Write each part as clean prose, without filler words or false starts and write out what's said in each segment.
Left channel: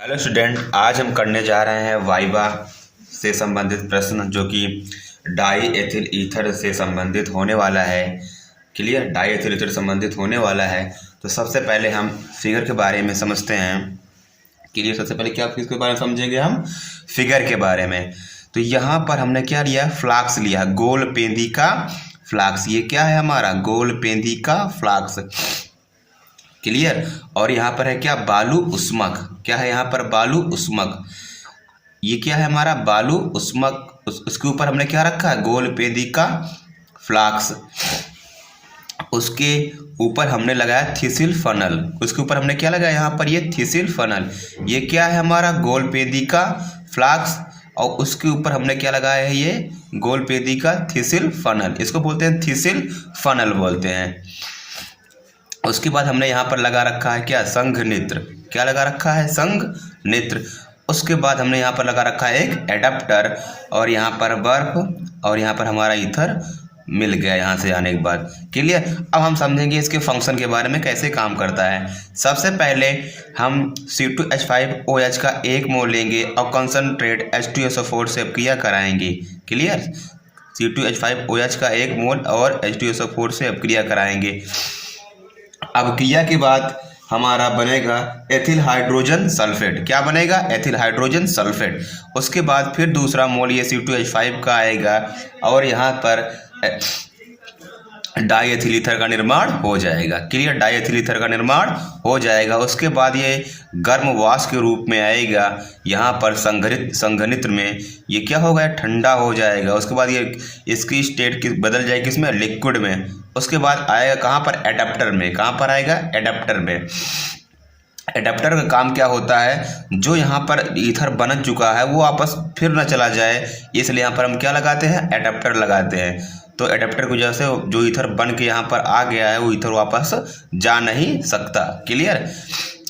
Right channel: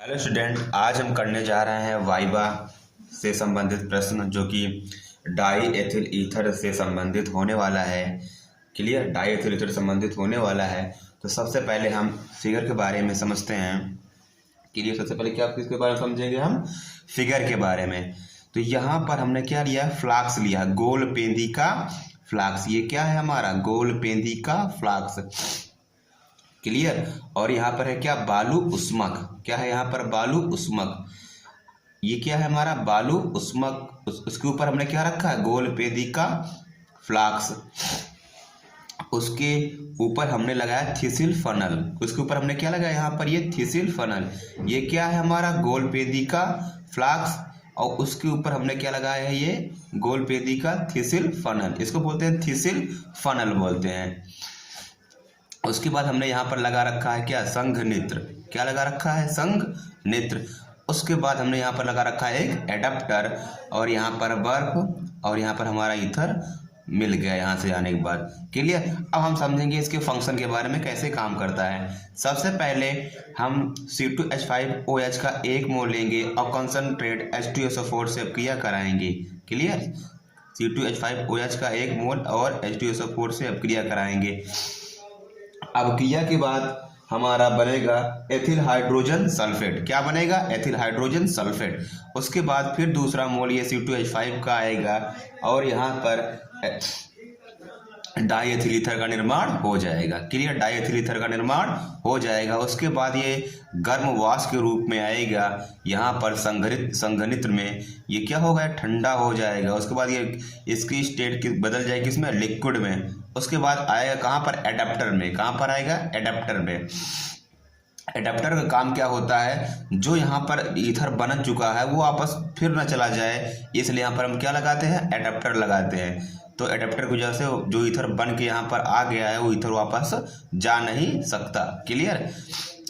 Hello student, आज हम करने जा रहे हैं वाइवा से संबंधित प्रश्न जो कि डाई एथिल ईथर से संबंधित होने वाला है। क्लियर, डाई एथिल ईथर संबंधित होने वाला है। तो सबसे पहले हम फिगर के बारे में समझते हैं। क्लियर, सबसे पहले क्या इसके बारे में समझेंगे हम? फिगर के बारे में। तो यहाँ पर हमने क्या लिया? फ्लाक्स लिया, गोल पेंदी का फ्लाक्स। ये क्या है हमारा? गोल पेंदी का फ्लाक्स। क्लियर। और यहाँ पर है क्या? बालू उस्मक। क्या है यहाँ पर? बालू उस्मक। ये क्या है हमारा? बालू उस्मक। उसके ऊपर हमने क्या रखा है? गोल पेंदी का फ्लाक्स। उसके ऊपर हमने लगाया थिसिल फनल। उसके ऊपर हमने क्या लगाया? यहाँ पर ये थिसिल फनल। ये क्या है हमारा? गोल पेंदी का फ्लाक्स। और उसके ऊपर हमने क्या लगाया है? ये गोल पेंदी का थिसिल फनल। इसको बोलते हैं थिसिल फनल बोलते हैं। उसके बाद हमने यहाँ पर लगा रखा है क्या? संघ नेत्र। क्या लगा रखा है? संघ नेत्र। उसके बाद हमने यहाँ पर लगा रखा है एक एडाप्टर, और यहाँ पर बर्फ, और यहाँ पर हमारा ईथर मिल गया यहाँ से आने के बाद। क्लियर। अब हम समझेंगे इसके फंक्शन के बारे में, कैसे काम करता है। सबसे पहले हम C2H5OH का 1 मोल लेंगे और कंसनट्रेट H2SO4 से क्रिया कराएंगे। क्लियर। C2H5OH का 1 मोल और H2SO4 से क्रिया कराएंगे। अब क्रिया के बाद हमारा बनेगा एथिल हाइड्रोजन सल्फेट। क्या बनेगा? Ethyl hydrogen sulphate. उसके बाद फिर दूसरा मोल ये C2H5 का आएगा और यहाँ पर डाई एथिल ईथर का निर्माण हो जाएगा। क्लियर, डाई एथिल ईथर का निर्माण हो जाएगा। उसके बाद ये गर्म वाष्प के रूप में आएगा यहाँ पर संघनित्र में। ये क्या होगा? ठंडा हो जाएगा। उसके बाद ये इसकी स्टेट बदल जाएगी किसमें? लिक्विड में। उसके बाद आएगा कहाँ पर? एडाप्टर में। कहाँ पर आएगा? एडाप्टर में। एडाप्टर का काम क्या होता है? जो यहाँ पर ईथर बन चुका है वो वापस फिर न चला जाए, इसलिए यहाँ पर हम क्या लगाते हैं? एडाप्टर लगाते हैं। तो एडाप्टर की वजह से जो ईथर बन के यहाँ पर आ गया है वो ईथर वापस जा नहीं सकता। क्लियर।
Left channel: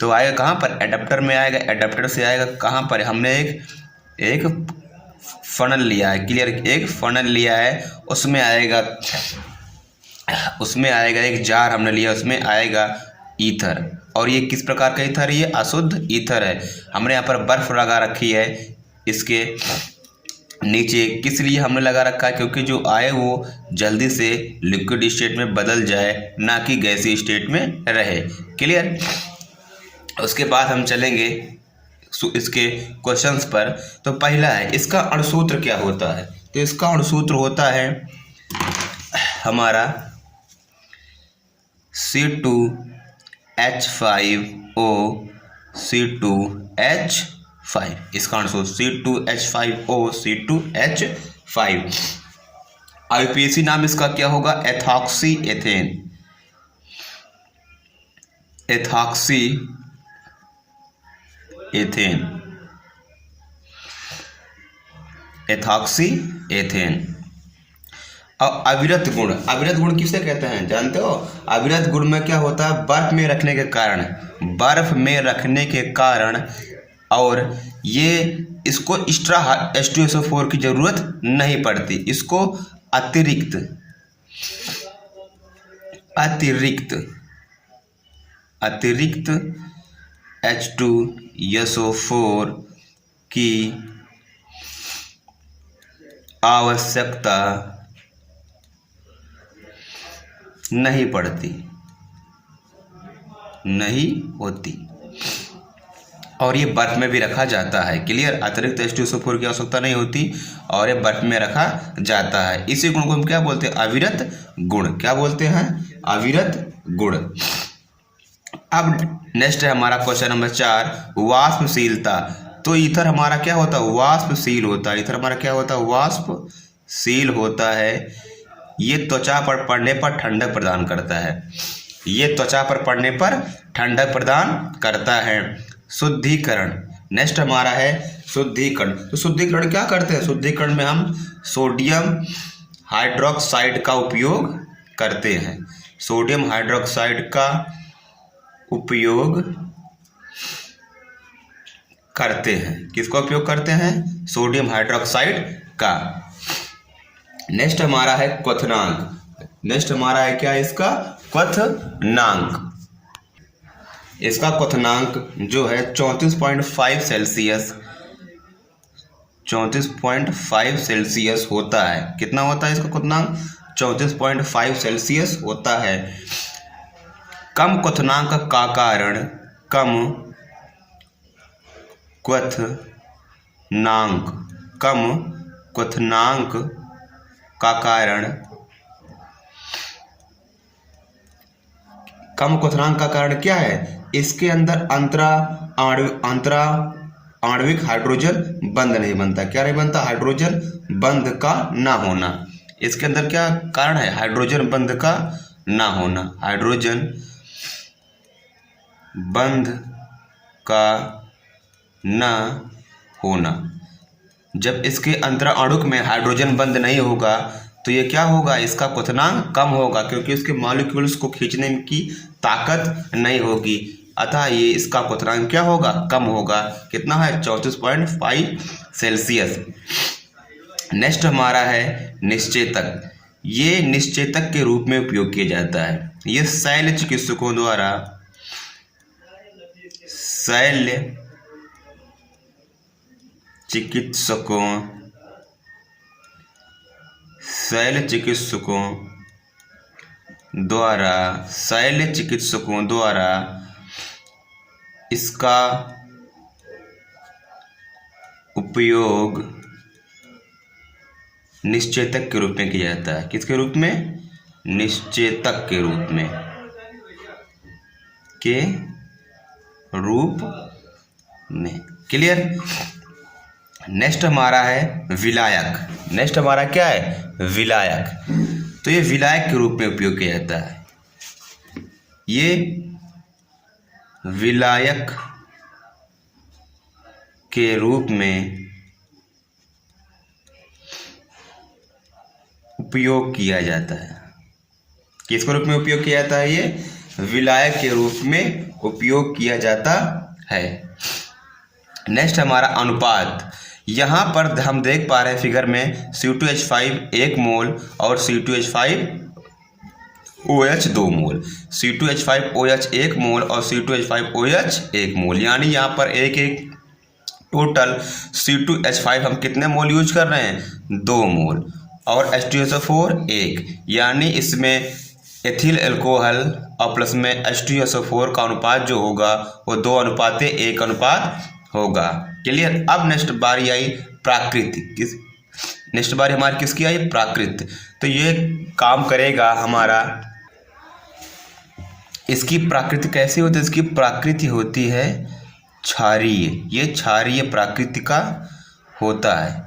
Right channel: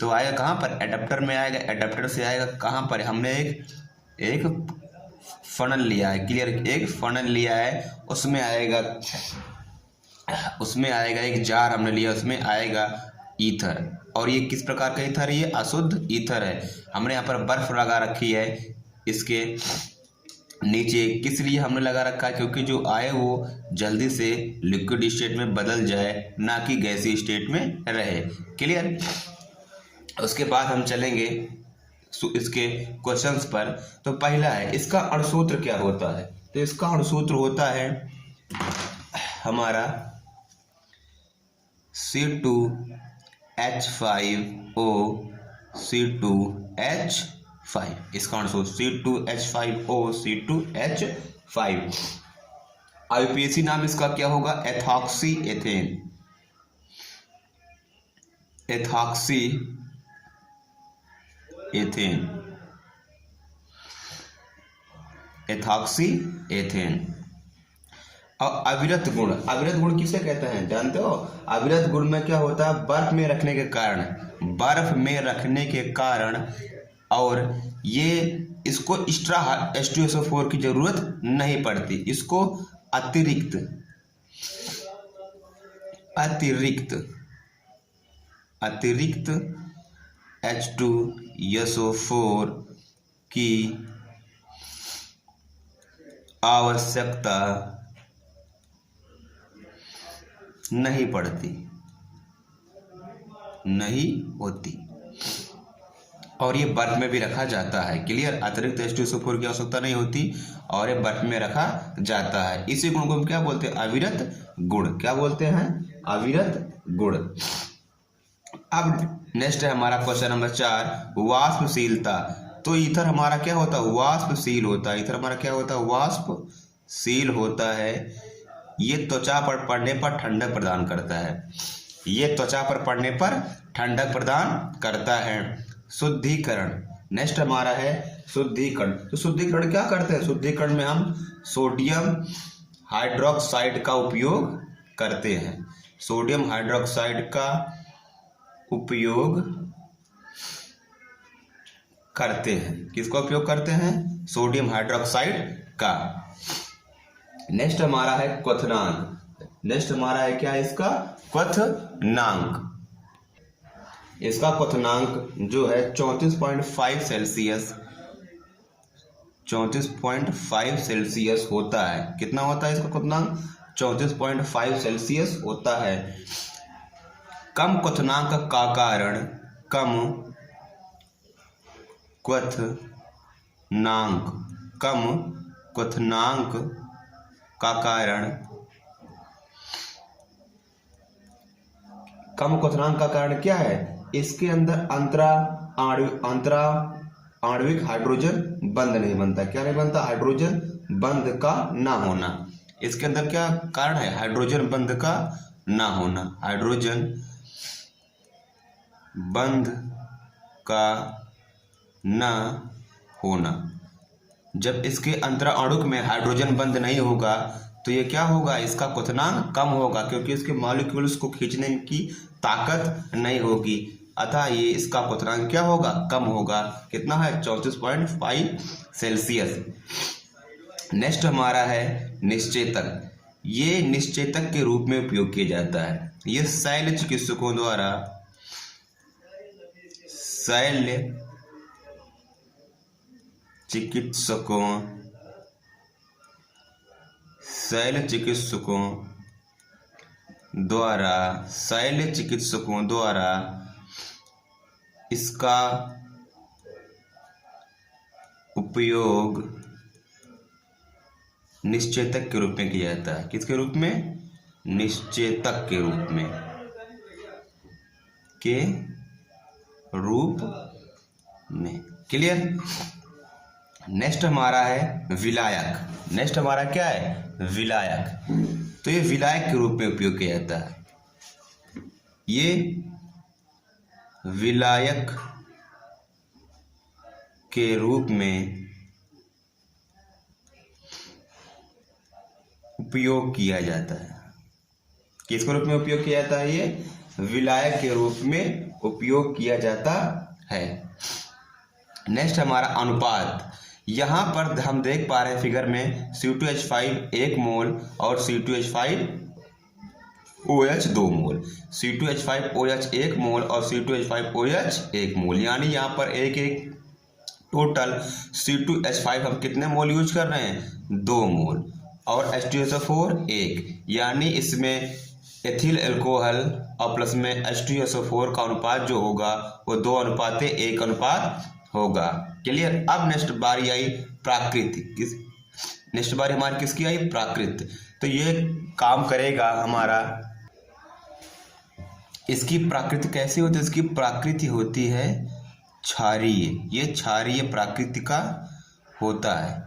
तो आएगा कहाँ पर? एडाप्टर में आएगा। एडाप्टर से आएगा कहाँ पर? हमने एक फनल लिया है। क्लियर, एक फनल लिया है। उसमें आएगा एक जार हमने लिया, उसमें आएगा ईथर। और ये किस प्रकार का ईथर है? ये अशुद्ध ईथर है। हमने यहाँ पर बर्फ लगा रखी है इसके नीचे। किस लिए हमने लगा रखा है? क्योंकि जो आए वो जल्दी से लिक्विड स्टेट में बदल जाए, ना कि गैसीय स्टेट में रहे। क्लियर। उसके बाद हम चलेंगे इसके क्वेश्चंस पर। तो पहला है, इसका अणुसूत्र क्या होता है? तो इसका अणुसूत्र होता है हमारा C2H5O C2H5। इसका अणुसूत्र C2H5O C2H5। आईयूपीएसी नाम इसका क्या होगा? Ethoxy ethane. Ethoxy ethane. Ethoxy ethane. और अविरत गुण। अविरत गुण किसे कहते हैं जानते हो? अविरत गुण में क्या होता है? बर्फ में रखने के कारण। बर्फ में रखने के कारण। और ये इसको एक्स्ट्रा H2SO4 की जरूरत नहीं पड़ती। इसको अतिरिक्त H2SO4 की आवश्यकता नहीं पड़ती, नहीं होती। और ये बर्फ में भी रखा जाता है। क्लियर। अतिरिक्त H2SO4 की आवश्यकता नहीं होती और ये बर्फ में रखा जाता है। इसी गुण को हम क्या बोलते हैं? अविरत गुण। क्या बोलते हैं? अविरत गुण। अब नेक्स्ट है हमारा क्वेश्चन नंबर 4, वाष्पशीलता। तो ईथर हमारा क्या होता है? वाष्पशील होता है। ईथर हमारा क्या होता है? वाष्पशील होता है। ये त्वचा पर पड़ने पर ठंडक प्रदान करता है। ये त्वचा पर पड़ने पर ठंडक प्रदान करता है। शुद्धिकरण। नेक्स्ट हमारा है शुद्धिकरण। तो शुद्धिकरण क्या करते हैं? शुद्धिकरण में हम सोडियम हाइड्रोक्साइड का उपयोग करते हैं। सोडियम हाइड्रोक्साइड का उपयोग करते हैं। किसका उपयोग करते हैं? सोडियम हाइड्रोक्साइड का। नेक्स्ट हमारा है क्वथनांक। नेक्स्ट हमारा है क्या? इसका क्वथनांक। इसका क्वथनांक जो है 34.5 सेल्सियस 34.5 सेल्सियस होता है। कितना होता है इसका क्वथनांक? 34.5 सेल्सियस होता है। कम क्वथनांक का कारण कम क्वथनांक का कारण कम क्वथनांक का कारण क्या है? इसके अंदर आणविक हाइड्रोजन बंध नहीं बनता। क्या नहीं बनता? हाइड्रोजन बंध का ना होना। इसके अंदर क्या कारण है? हाइड्रोजन बंध का ना होना। हाइड्रोजन बंध का ना होना। जब इसके अंतराणुक में हाइड्रोजन बंध नहीं होगा तो ये क्या होगा? इसका क्वथनांक कम होगा, क्योंकि उसके मॉलिक्यूल्स को खींचने की ताकत नहीं होगी। अतः ये इसका क्वथनांक क्या होगा? कम होगा। कितना है? 34.5 सेल्सियस। नेक्स्ट हमारा है निश्चेतक। ये निश्चेतक के रूप में उपयोग किया जाता है। ये शैल्य चिकित्सकों द्वारा शैल्य चिकित्सकों द्वारा इसका उपयोग निश्चेतक के रूप में किया जाता है। किसके रूप में? निश्चेतक के रूप में। क्लियर? नेक्स्ट हमारा है विलायक। नेक्स्ट हमारा क्या है? विलायक। तो ये विलायक के रूप में उपयोग किया जाता है। ये विलायक के रूप में उपयोग किया जाता है। किसके रूप में उपयोग किया जाता है? ये विलायक के रूप में उपयोग किया जाता है। नेक्स्ट हमारा अनुपात। यहाँ पर हम देख पा रहे हैं फिगर में C2H5 1 मोल और C2H5OH 2 मोल। C2H5OH 1 मोल और C2H5OH 1 मोल, यानी यहाँ पर एक टोटल C2H5 हम कितने मोल यूज कर रहे हैं? 2 मोल। और H2SO4 1, यानी इसमें एथिल अल्कोहल और प्लस में H2SO4 का अनुपात जो होगा वो 2:1 अनुपात होगा। क्लियर? अब नेक्स्ट बारी आई प्राकृतिक। नेक्स्ट बारी हमारी किसकी आई? प्राकृत। तो ये काम करेगा हमारा। इसकी प्राकृति कैसी होती है? इसकी प्राकृति होती है क्षारीय। ये क्षारीय प्राकृति का होता है।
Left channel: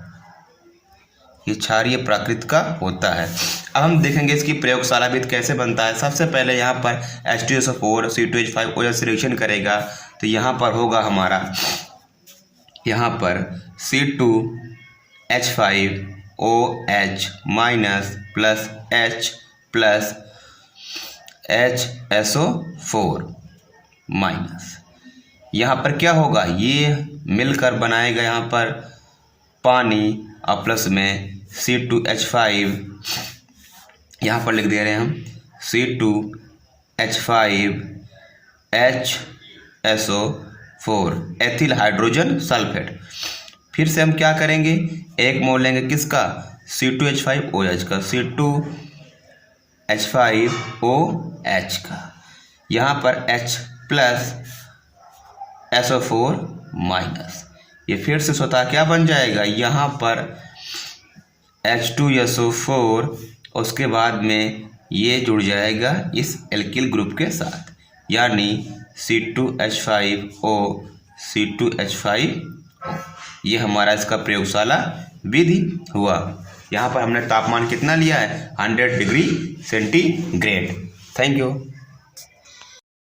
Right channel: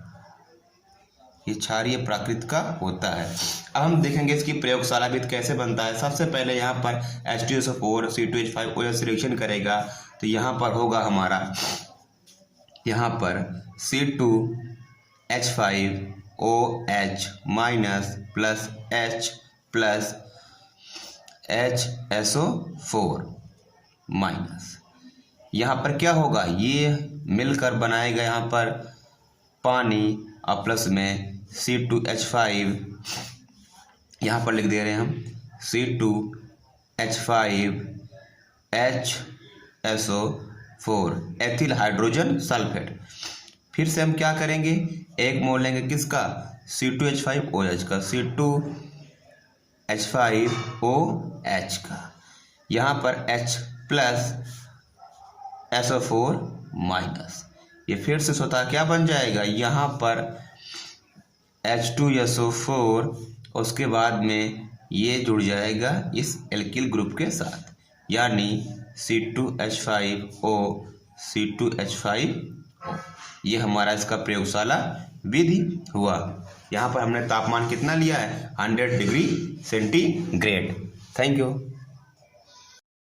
ये क्षारीय प्राकृत का होता है। अब हम देखेंगे इसकी प्रयोगशाला विधि कैसे बनता है। सबसे पहले यहाँ पर H2SO4 C2H5OH से रिएक्शन करेगा तो यहाँ पर होगा हमारा, यहाँ पर C2H5OH minus plus H plus HSO4 minus. यहाँ पर क्या होगा? ये मिलकर बनाएगा यहाँ पर पानी और प्लस में C2H5, यहाँ पर लिख दे रहे हैं हम C2H5HSO4 एथिल हाइड्रोजन सल्फेट। फिर से हम क्या करेंगे? 1 मोल लेंगे किसका? C2H5OH का, C2H5OH का। यहाँ पर H प्लस SO4 माइनस। ये फिर से स्वतः क्या बन जाएगा? यहाँ पर H2SO4, उसके बाद में ये जुड़ जाएगा इस एल्किल ग्रुप के साथ, यानी C2H5O C2H5। ये हमारा इसका प्रयोगशाला विधि हुआ। यहाँ पर हमने तापमान कितना लिया है? 100 डिग्री सेंटीग्रेड। Thank you.